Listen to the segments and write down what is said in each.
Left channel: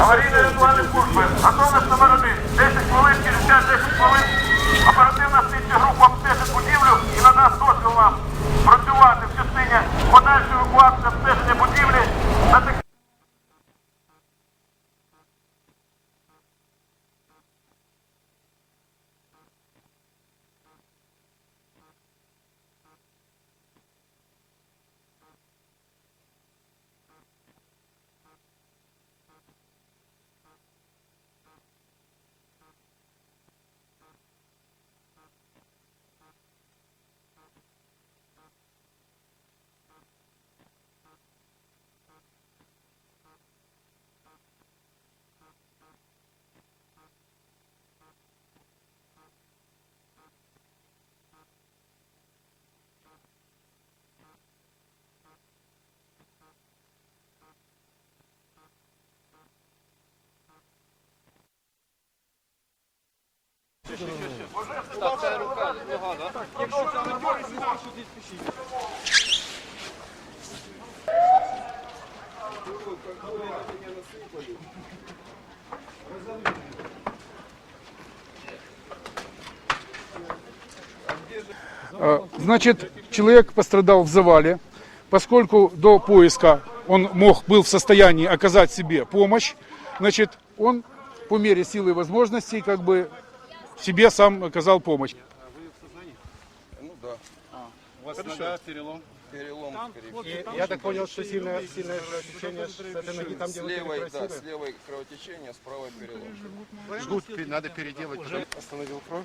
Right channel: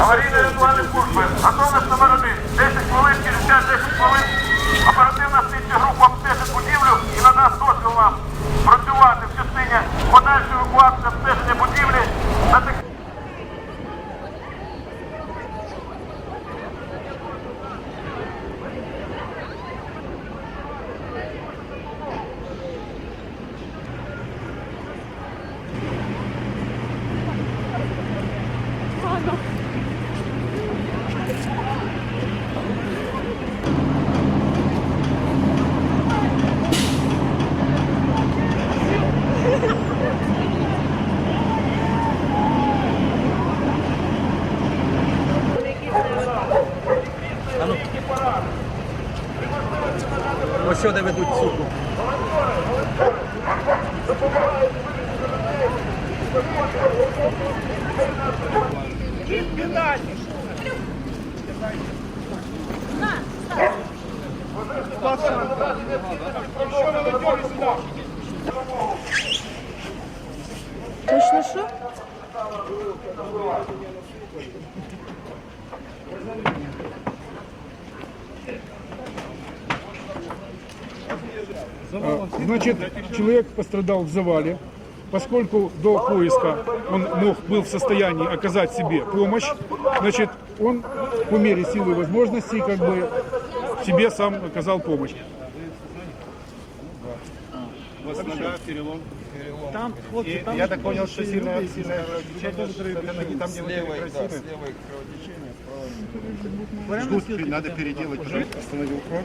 Аварійної рятувальної служби. Готовність номер один. 10 хвилин, через час 10 хвилин. Оперативна слідча група обстежить будівлю і надасть дозвіл нам працювати в частині подальшої евакуації обстеження будівлі Ось сюди ведуть суку. Точно Значит, человек пострадал в завале, поскольку до поиска он мог, был в состоянии оказать себе помощь, значит, он по мере силы и возможностей как бы себе сам оказал помощь. У вас нога, перелом. Там, и, я так понял, что сильное, сильное кровотечение, там, левой, да, с левой кровотечение, с правой перелом. Ждут, надо переделать уже. Остановил кровь.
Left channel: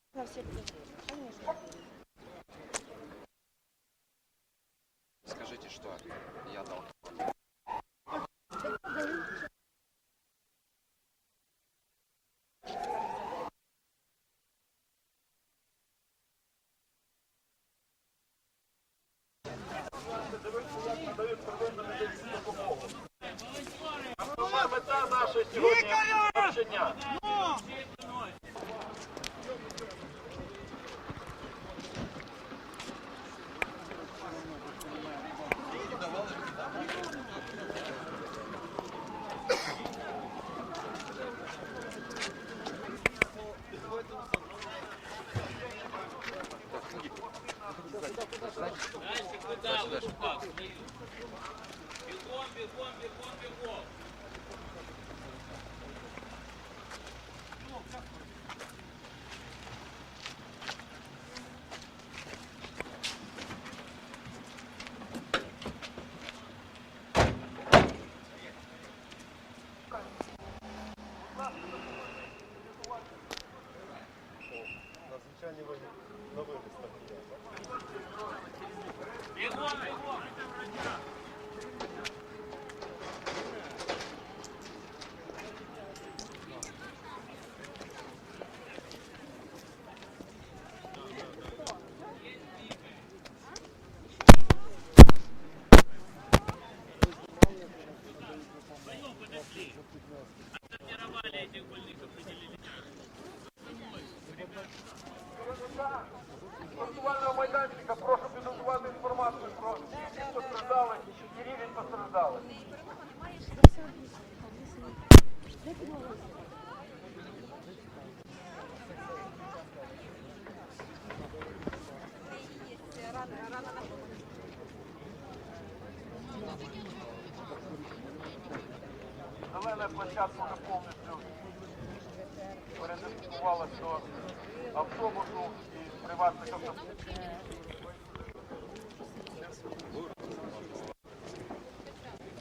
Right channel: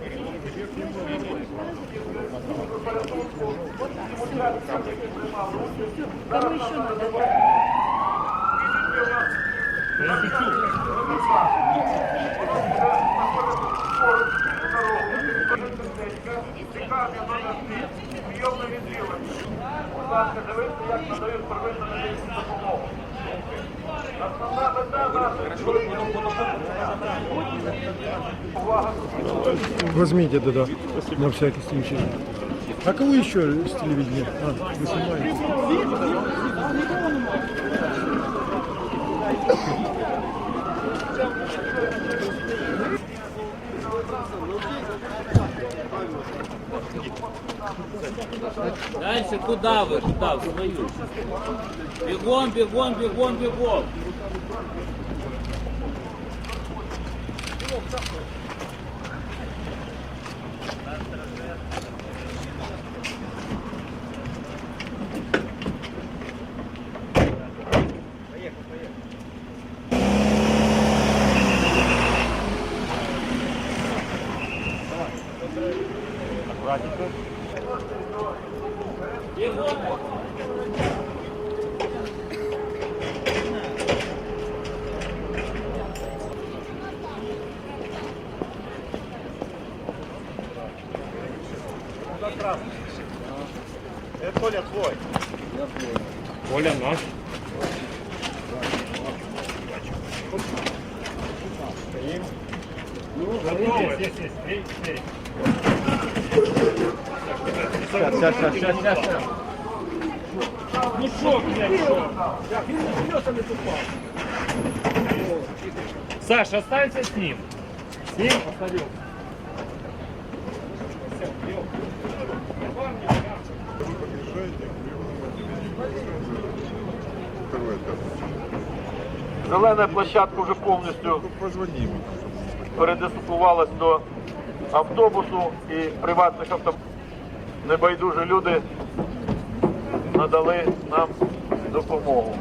Возьмите тогда, на всякий случай. А кого еще с телевидения? А. Дальше куда вы? Туда, в свою. Бегом, бегом, бегом, бегом. аккуратненько. Это Коля твой. Коля наш. Готовы? Ну, здесь есть 3-4. Саша, останься с ним. С ним посадил. Зелена площадка вже повністю передислокувалась до автобусу і приватних автобусів. Небайдужі люди надали нам допомогу.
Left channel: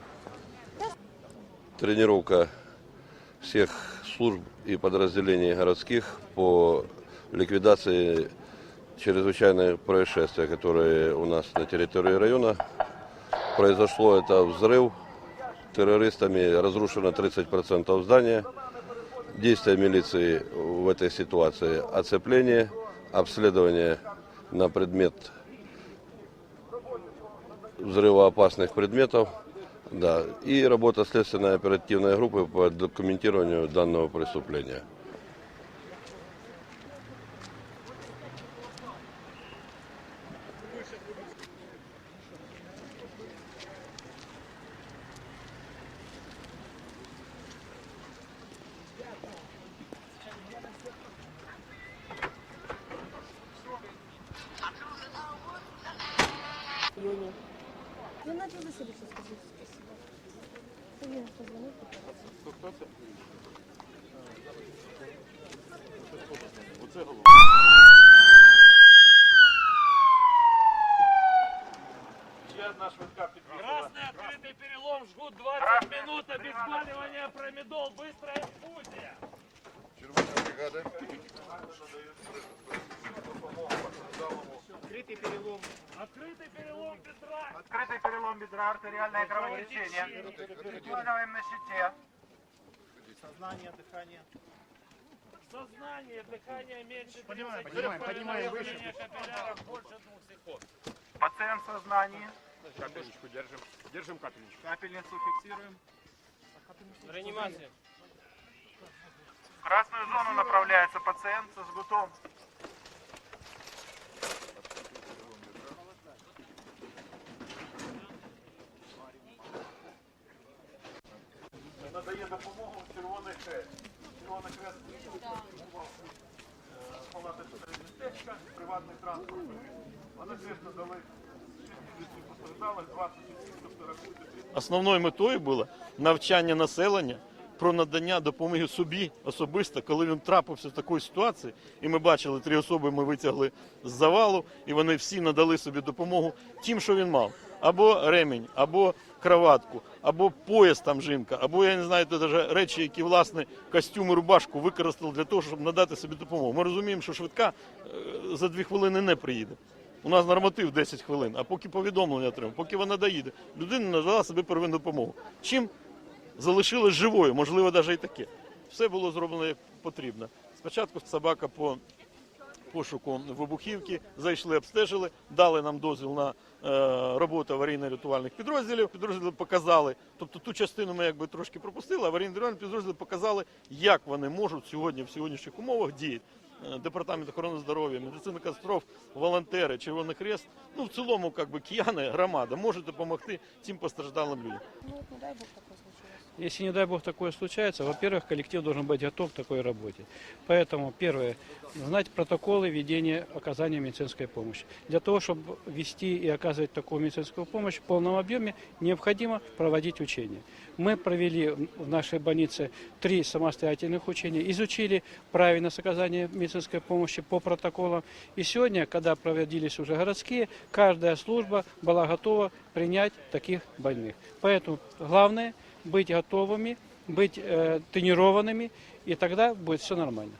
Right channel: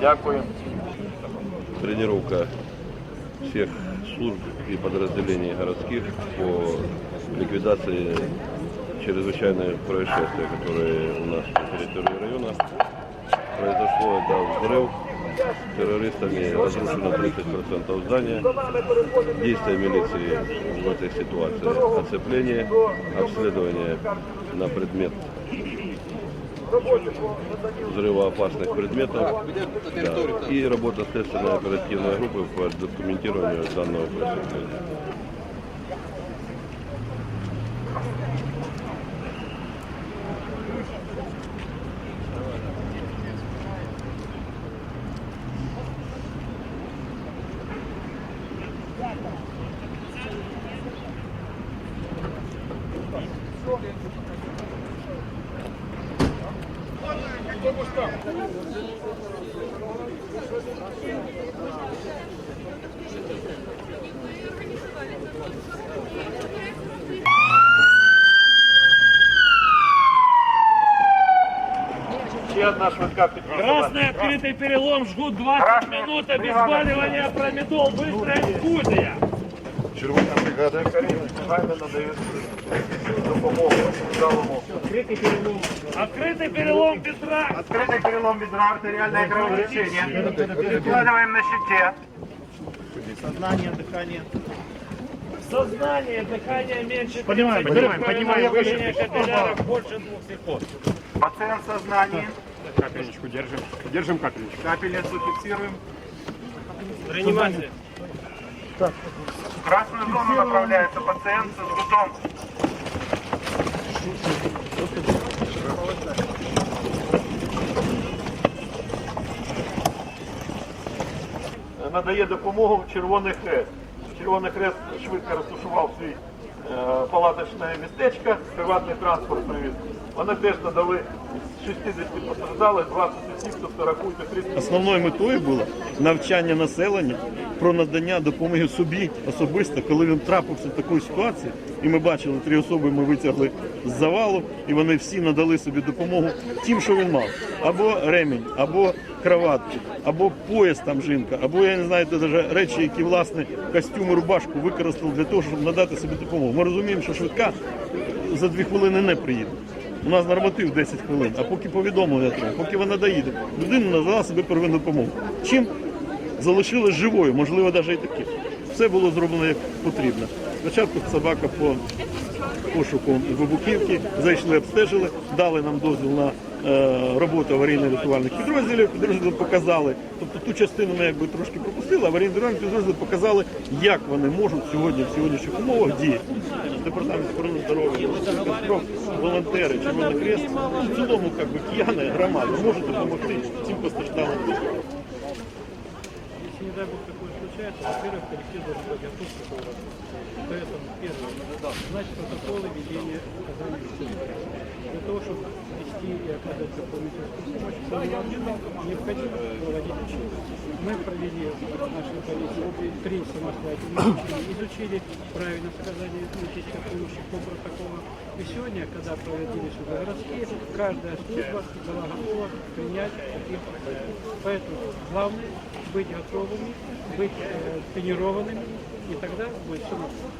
Дякую. тренировка всех служб и подразделений городских по ликвидации чрезвычайных происшествий, которые у нас на территории района. Произошло это взрыв террористами, разрушено 30% здания. Действия милиции в этой ситуации оцепление, обследование на предмет взрывоопасных предметов да, и работа следственной оперативной группы по документированию данного преступления. Одна швидка підтримка. Красный открытый перелом, жгут 20 минут, обезболивание, промедол, быстрая инфузия. Червона бригада. Негайно надають допомогу. Открытый перелом бедра. Открытый перелом бедра, артериальное кровотечение. Прикладываем на щите. Сознание, дыхание меньше. Поднимаем, 30, поднимаем, поднимаем, капилляров больше двух секунд. Пациент в сознании. Капельничку держим. Держим капельничку. Капельницу фиксируем. Реанимация. В красную зону направляется пациент со жгутом. Надає допомогу Червоний Хрест. Червоний Хрест швидко розташував свій е, палаточне містечко, приватний транспорт привіз. Вони теж надали з 60 постраждалих, 20 осіб, тобто рахуйте 30 Основною метою було навчання населення про надання допомоги собі особисто, коли він трапився в таку ситуацію. І ми бачили, три особи ми витягли з завалу, і вони всі надали собі допомогу тим, що він мав. Або ремінь, або кроватку, або пояс там жінка, або я не знаю, даже речі, які власне костюм і рубашку використали для того, щоб надати собі допомогу. Ми розуміємо, що швидка за дві хвилини не приїде. У нас норматив 10 хвилин, а поки повідомлення треба, поки вона доїде, людина надала себе первинну допомогу. Чим залишилась живою, можливо, навіть і таке. Все було зроблено як потрібно. Спочатку собака по пошуку вибухівки, зайшли, обстежили, дали нам дозвіл на е, роботу аварійно-рятувальних підрозділів, підрозділи показали. Тобто ту частину ми якби трошки пропустили, аварійно-рятувальні підрозділи показали, як вони можуть сьогодні в сьогоднішніх умовах діяти. Департамент охорони здоров'я, волонтери, Червоний Крест, в цілому як би, кияни, громади можуть допомогти цим постраждалим. Если, не дай бог, такое случается, во-первых, коллектив должен быть готов к такой работе. Поэтому, первое, знать протоколы ведения оказания медицинской помощи. Для того, чтобы вести и оказывать такую медицинскую помощь в полном объеме, необходимо проводить учения. Мы провели в нашей больнице три самостоятельных учения, изучили правильность оказания медицинской помощи по протоколам. И сегодня, когда проводились уже городские, каждая служба была готова принять таких больных. Поэтому главное быть готовыми, быть э, тренированными, и тогда будет все нормально.